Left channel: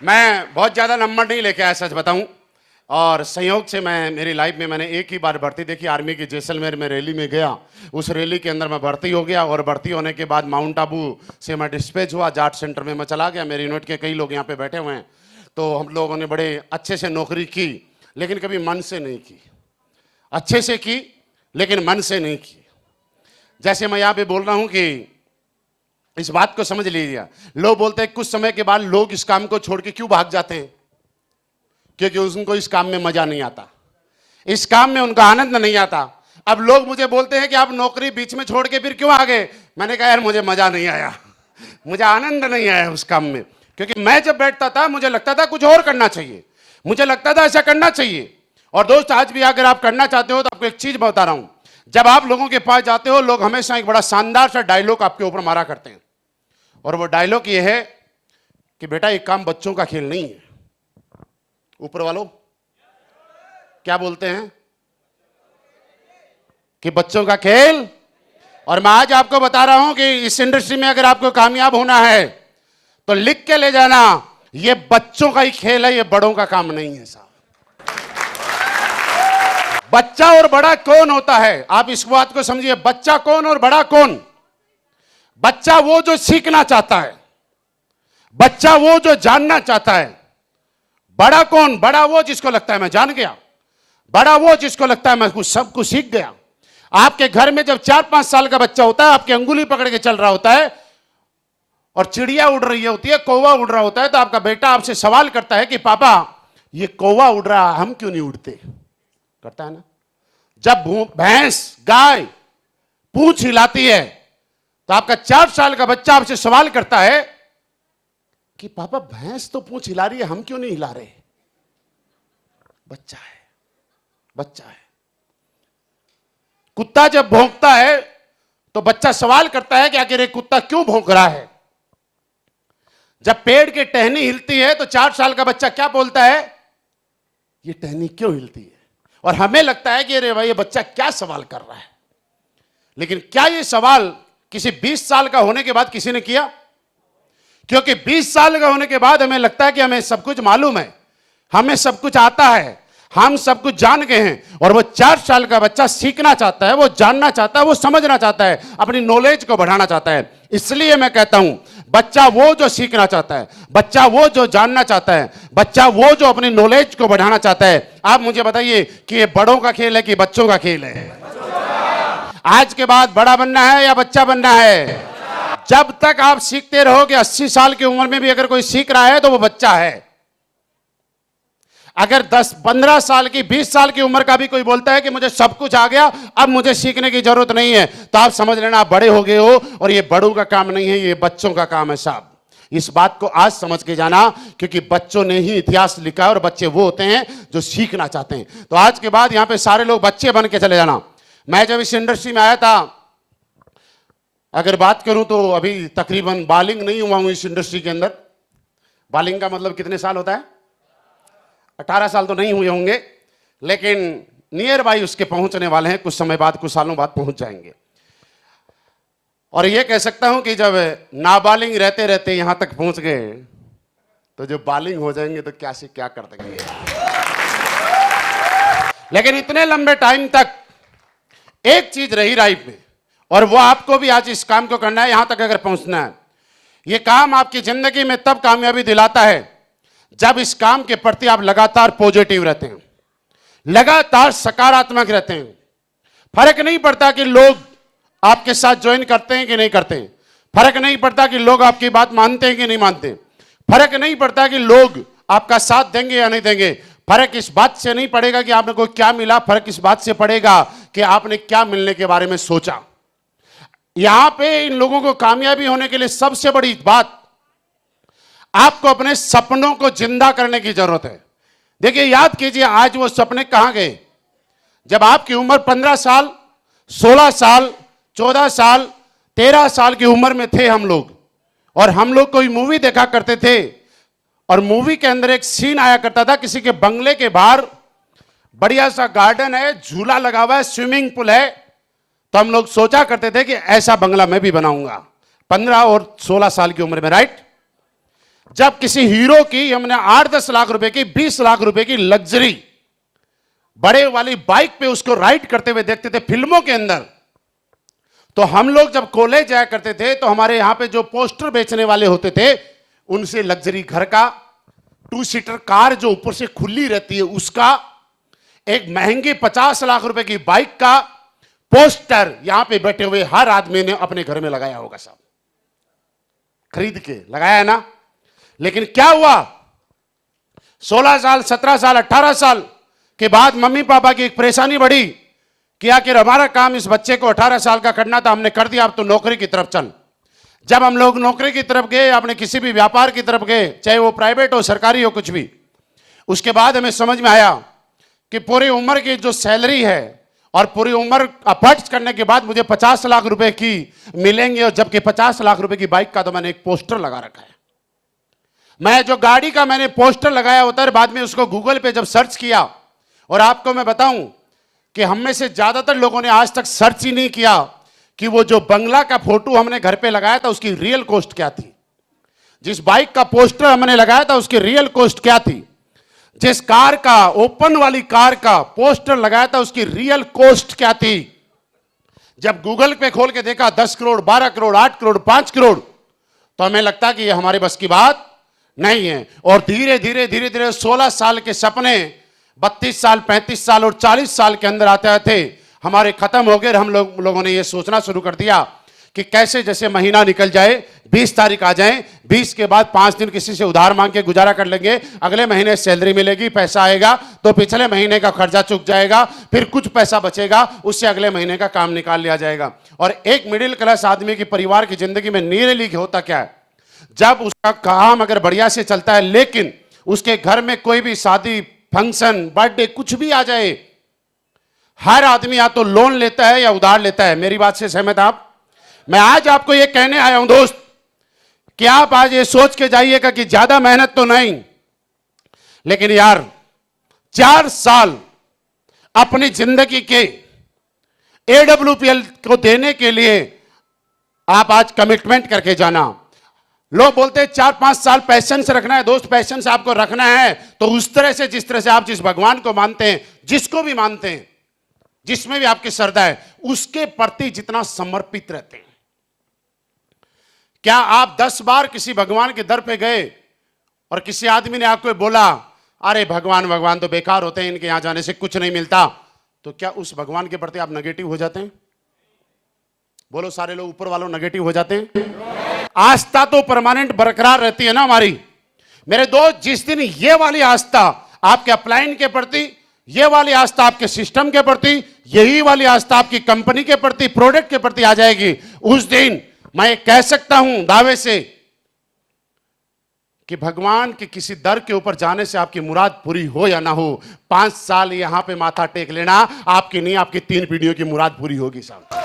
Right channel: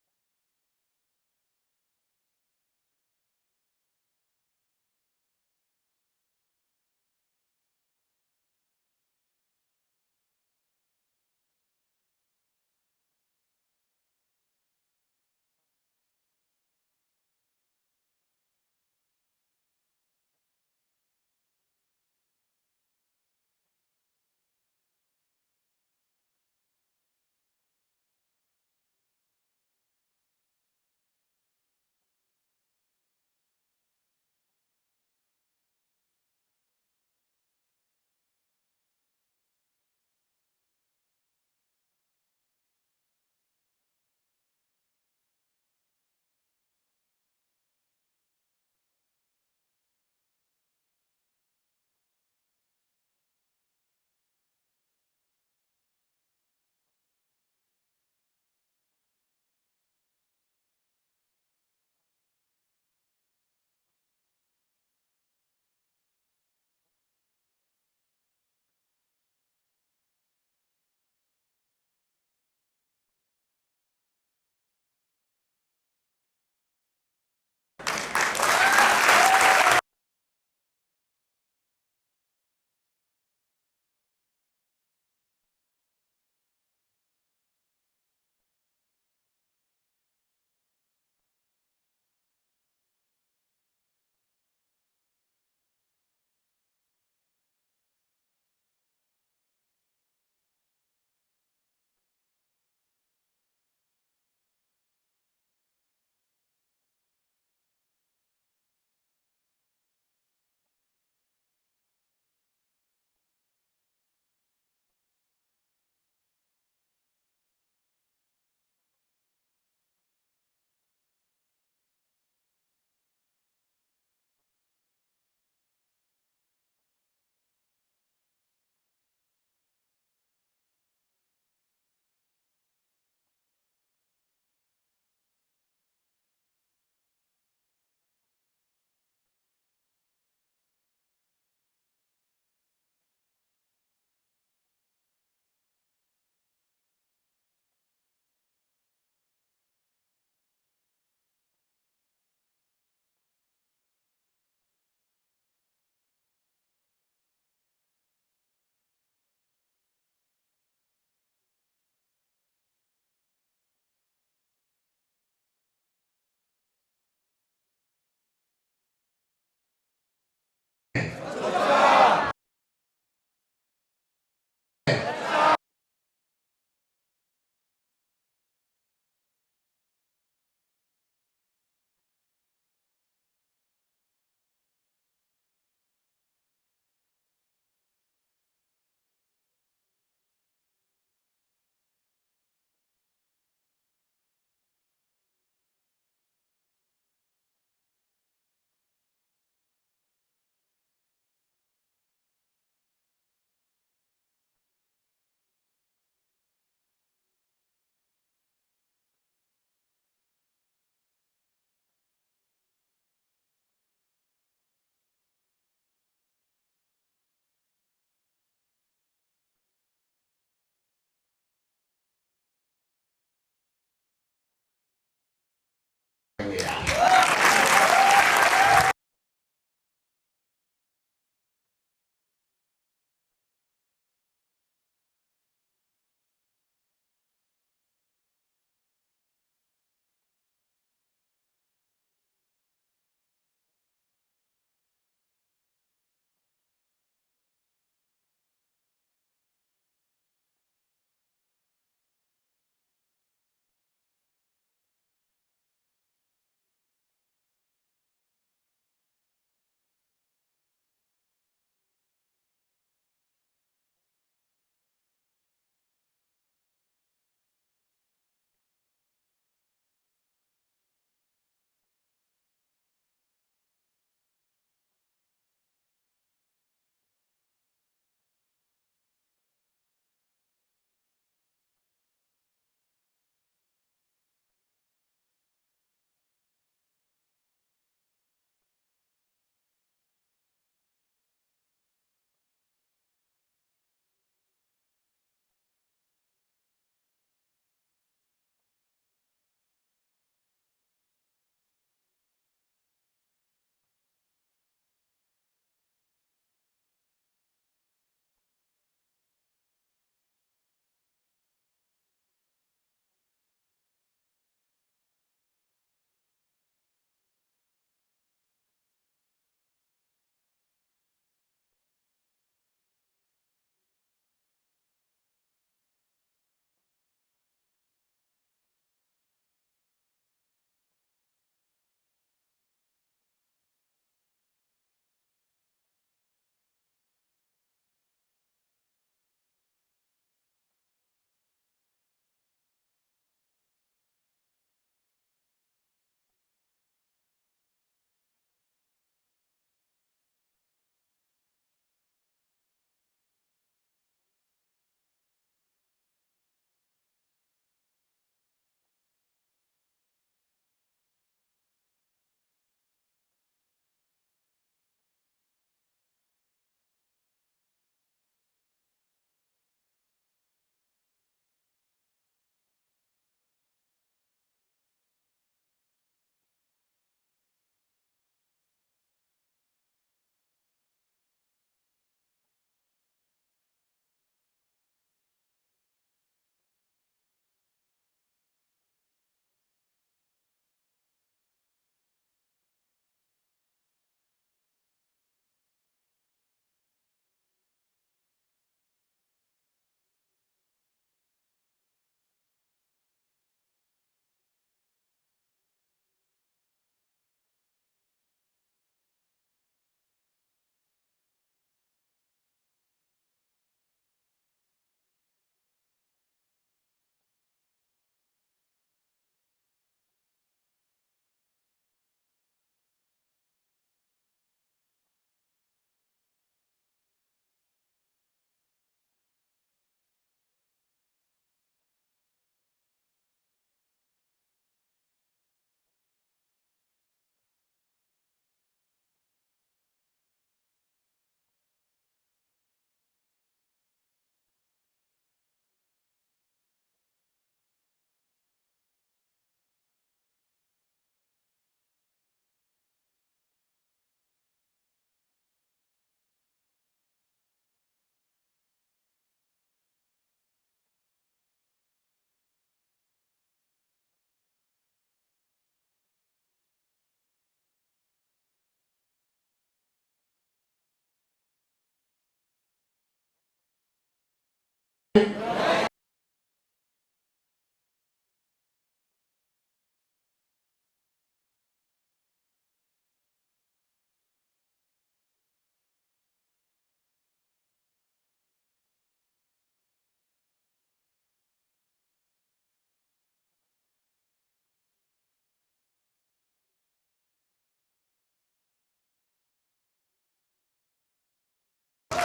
मैं बहुत ज़्यादा नंबर नहीं लेके आया, सच बताऊं। और संयोग से मेरी लाइफ में मैंने एक ही बार भर्ती देखी, आर्मी की जैसलमेर में रैली में गया। उस रैली के अंदर मैं भर्ती हो गया और भर्ती होने के बाद माउंट आबू से मैं डिस्पैच हुआ, जाट सेंटर में मैं चला गया। मेरी यूनिट के कई लोग यहाँ पे बैठे हुए हैं। तो हम लोगों ने बड़े अच्छे से नौकरी की, लेकिन कभी मन से नहीं की। अच्छे से की लेकिन मन से नहीं की। जैसे मैं यहाँ पे बोल रहा हूँ कि इस बात को समझ लीजिए। लोग बोलते हैं कुछ समय के बाद लोग इस काम को छोड़ के क्यों भाग जाते हैं? क्योंकि उनको इस काम में मजा नहीं आता, इस काम में उनका आनंद नहीं आता। अब लोग मुझे बोलते हैं कि आप नौकरी बीच में छोड़ के फिर क्यों आ गए? मैंने कहा यार मुझे मजा नहीं आया, मुझे आनंद नहीं आया उस काम में। क्योंकि मैं जब बैठता था मुझे लगता था कुछ और करना चाहिए, मुझे लगता था ऐसा करना चाहिए। और दोस्त, आज भी अगर आप करना चाहते हो तो आपको एक चीज बता रहा हूं। जब आप लोगों के पास जाते हो, लोग हमेशा एक बड़ा शानदार सा डायलॉग आपके ऊपर मारा करते हैं, और वो डायलॉग ये है कि बेटा ये काम बच्चों का खेल नहीं है। ऊपर वालों क्या बोलते हैं कि बच्चों का खेल। और मैं आज आपको बता रहा हूं कि इस इंडस्ट्री में अगर आपको कामयाब होना है तो लिख के ले जाना, ये बच्चों का ही खेल है, ये बड़ों का काम नहीं है साहब। बच्चा और बड़ा कौन होता है, आप इस बात को समझिए। बच्चा कौन और बड़ा कौन? बच्चा वो जो सीखना चाहता है, बच्चा वो जो जानना चाहता है। बड़ा कौन? बड़ा वो जिसको लगता है मैं जान गया, बड़ा वो जिसको लगता है मैं कुछ सब कुछ सीख गया। आपके घर में जब 4-5 साल का बच्चा होता है, आपकी अंगुली पकड़ के चल रहा होता है और चिड़िया उड़ रही होती है, कौवा उड़ रहा होता है, तो आपका बेटा आपसे सवाल करता है कि पापा ये कौवा उड़ रहा है, हम क्यों नहीं उड़ते? करता है ना। जब भैंस गाय पूंछ हिलाती है तो आपका 4 साल का बच्चा आपसे सवाल करता है कि पापा भैंस तो पूंछ हिला रही है, हम क्यों नहीं हिला रहे? बच्चा है, बच्चा है। कुत्ता जब भौंकता है तो बच्चा सवाल करता है कि आखिर ये कुत्ता क्यों भौंक रहा है। जब पेड़ की टहनी हिलती है तो 4 साल का बच्चा क्या बोलता है? ये टहनी क्यों हिलती है? और हमें लगता है कि अरे भाई ये बच्चा क्या सवाल कर रहा है। लेकिन क्या ये सवाल किसी 20 साल का होने के बाद किसी ने किया? क्योंकि 20 साल का होने के बाद हमें लगता है कि हमें सब कुछ मालूम है, हमें सब कुछ आता है, हम सब कुछ जान गए हैं। और वो 4 साल का बच्चा सीखना चाहता है, वो जानना चाहता है, वो समझना चाहता है, अपनी नॉलेज को बढ़ाना चाहता है। इसलिए मैं कहता हूं, बच्चा वो जो सीखना चाहता है, बच्चा वो जो जानना चाहता है, बच्चा वो जो अपनी नॉलेज को बढ़ाना चाहता है। आप मुझे बताइए कि ये बड़ों का खेल है कि बच्चों का खेल है? आज के बाद बड़ा बनना है या बच्चा बनना है? जब तक आप सीखते रहोगे, 80 साल की उम्र में भी अगर कोई सीख रहा है तो वो बच्चा है। अगर 10-15 साल की 20 साल की उम्र का भी कोई बोलता है कि मुझे सब कुछ आ गया, अब मुझे सीखने की जरूरत नहीं है, तो आप समझ लेना आप बड़े हो गए हो। और ये बड़ों का काम नहीं है, ये बच्चों का काम है साहब। इस बात को आज समझ के जाना, क्योंकि बच्चों ने ही इतिहास लिखा है और बच्चे वो होते हैं जो सीखना चाहते हैं। तो आज के बाद यहां पे सारे लोग बच्चे बन के चले जाना। मैं जब इस इंडस्ट्री में आया था, अगर बात करूं तो अभी तकरीबन बालिंग नहीं हुआ हूं इस इंडस्ट्री के अंदर। बालिंग का मतलब कितने साल होता है? 18 साल तो नहीं हुए होंगे, लेकिन नियर बाई उसके पहुंचने वाले हैं। कुछ समय बाद, कुछ सालों बाद पहुंच जाएंगे। और यह कह सकता हूं कि जब नाबालिग रहते रहते यहां तक पहुंच गए, तो जो बालिंग हो जाएंगे तो क्या से क्या कर देंगे। लेकिन इतने लंबे टाइम तक एक चीज रही लाइफ में, और वो आपको भी आज इस काम को करना है, यहां तक अगर पहुंचना है। यह काम आपकी जिंदगी में तब कामयाबी दिलाता है जब इस काम के प्रति आप लगातार पॉजिटिव रहते हैं, लगातार सकारात्मक रहते हैं। फर्क नहीं पड़ता कि लोग आपके साथ ज्वाइन करते हैं कि नहीं करते, फर्क नहीं पड़ता कि लोग आपकी बात मानते हैं कि नहीं मानते, फर्क नहीं पड़ता कि लोग आपका साथ देंगे या नहीं देंगे। फर्क इस बात से नहीं पड़ेगा कि आपने को क्या मिला, फर्क इस बात से पड़ेगा कि आपने क्या मिलने के बारे में सोचा। यहां पे इन लोगों को कामयाबी होने के लिए सबसे बड़ी बात, आपको अपने सपनों को जिंदा करने की जरूरत है। देखिए, याद कीजिए आज वो सपने कहां गए? जब आपकी उम्र 15 साल, 16 साल, 14 साल, 13 साल की उम्र में थे हम लोग, और हम लोग कोई मूवी देखा करते थे, और मूवी के अंदर एक सीन आया करता था, किसी के बंगले के बाहर बढ़िया सा गार्डन है, झूला लगा हुआ है, स्विमिंग पूल है। तो हम लोग सोचा करते थे कि ऐसा बंगला मैं भी बनाऊंगा, 15 और 16 साल की उम्र में, राइट? जब किसी हीरो की हमने 8-10 लाख रुपए की, 20 लाख रुपए की लग्जरी बड़े वाली बाइक पे उसको राइड करते हुए देखते थे फिल्मों के अंदर, तो हम लोग जब कॉलेज जाया करते थे तो हमारे यहां पे जो पोस्टर बेचने वाले होते थे उनसे लग्जरी घर का, 2 सीटर कार जो ऊपर से खुली रहती है उसका, एक महंगी 50 लाख रुपए की बाइक का पोस्टर यहां पे बैठे हुए हर आदमी ने अपने घर में लगाया होगा, साहब खरीद के लगाया है ना। लेकिन क्या हुआ, 16 साल 17 साल 18 साल के बाद मम्मी पापा की एक परेशानी बढ़ी कि आखिर हमारा काम इस बच्चे को 18 साल का करना था, हमने कर दिया, अब तो नौकरी की तरफ चल। जब हम लोग नौकरी की तरफ गए, अपने किसी भी व्यापार की तरफ गए, चाहे वो प्राइवेट हो सरकारी हो कुछ भी, उसके बाद हमें समझ में आया कि पूरी उम्र की जो सैलरी है और पूरी उम्र अफर्ट्स करने के बाद मुझे 50 लाख रुपए की मिलेंगे, और जबकि 50 लाख रुपए की बाइक का तो मैंने एक पोस्टर लगा रखा है। मैं जो गाड़ी का मैंने पोस्टर लगाया होता है, बाद में उसको गूगल पे जब सर्च किया, और आपको मैं बताऊं कि हम में से ज्यादातर लोगों ने आज तक सर्च ही नहीं किया कि वो जो बंगला का फोटो हमने घर पे लगाया था उसकी रियल कॉस्ट क्या थी, जिस बाइक का पोस्टर हमने लगाया था उसकी रियल कॉस्ट क्या थी, जिस कार का, ओपन वाली कार का पोस्टर लगाया था उसकी रियल कॉस्ट क्या थी। जब गूगल पे खोल के देखा 10 करोड़ 12 करोड़ 8 करोड़ 5 करोड़, तो हमें लगता कि ये हमारे बस की बात नहीं है। और धीरे धीरे धीरे धीरे 16 साल के सपने 32 साल 35 साल और 40 साल के अंदर आते आते हमारे खत्म हो गए। हम लोगों ने ये सोचना शुरू कर दिया कि कैसे जैसे महीना निकल जाए, 20 तारीख आ जाए, 20 के बाद 5 दिन किसी से उधार मांग के गुजारा कर लेंगे, अगले महीने सैलरी मिलेगी, पैसा आएगा तो पिछले महीने का खर्चा चुक जाएगा, फिर कुछ पैसा बचेगा उससे अगले महीने का काम निकाल लिया जाएगा। और एक मिडिल क्लास आदमी की परिवार की जिंदगी में नियरली होता क्या है, जब उसका काम अगर बढ़िया से चलता है लेकिन उसके घर में कोई भी शादी फंक्शन बर्थडे कुछ भी आ जाए, हर आदमी या तो लोन लेता है या उधार लेता है। मेरी बात से सहमत आप? मैं आज आपको यह कहने आया हूं दोस्त कि आप आज ये सोच के जाइएगा कि ज्यादा मेहनत तो नहीं, लेकिन यार 4 साल अपनी जिंदगी के AWPL को देने के लिए आप आज कमिटमेंट करके जाना। लोग बोलते हैं 4-5 साल पैशंस रखना है। दोस्त पैशंस आपको रखना है तो उस तरह से, जिस तरह से आप जिस भगवान को मानते हैं, जिसको भी मानते हैं, जिसमें भी आपकी श्रद्धा है, उसके प्रति जितना समर्पित रहते हैं। क्या आप 10 बार किसी भगवान के दर पे गए और किसी आदमी ने आपको बोला अरे भगवान भगवान तो बेकार होते हैं, इनके यहां जाने से कुछ नहीं मिलता, तो क्या उस भगवान के प्रति आप नेगेटिव हो जाते हैं? बोलो सारे लोग ऊपर वालों नेगेटिव हो जाते हैं? आस्था तो परमानेंट बरकरार रहती है ना हमारी। मेरे दोस्त, जिस दिन ये वाली आस्था आपके अपलाइन के प्रति, ये वाली आस्था आपके सिस्टम के प्रति, यही वाली आस्था आपकी कंपनी के प्रति, प्रोडक्ट के प्रति आ जाएगी, उस दिन मैं कह सकता हूं दावे से कि भगवान के किसी दर के ऊपर जाने से आपकी मुराद पूरी हो या ना हो, 5 साल यहां पे माथा टेक लेना, आपकी नहीं आपकी 3 पीढ़ियों की मुराद पूरी होगी साहब।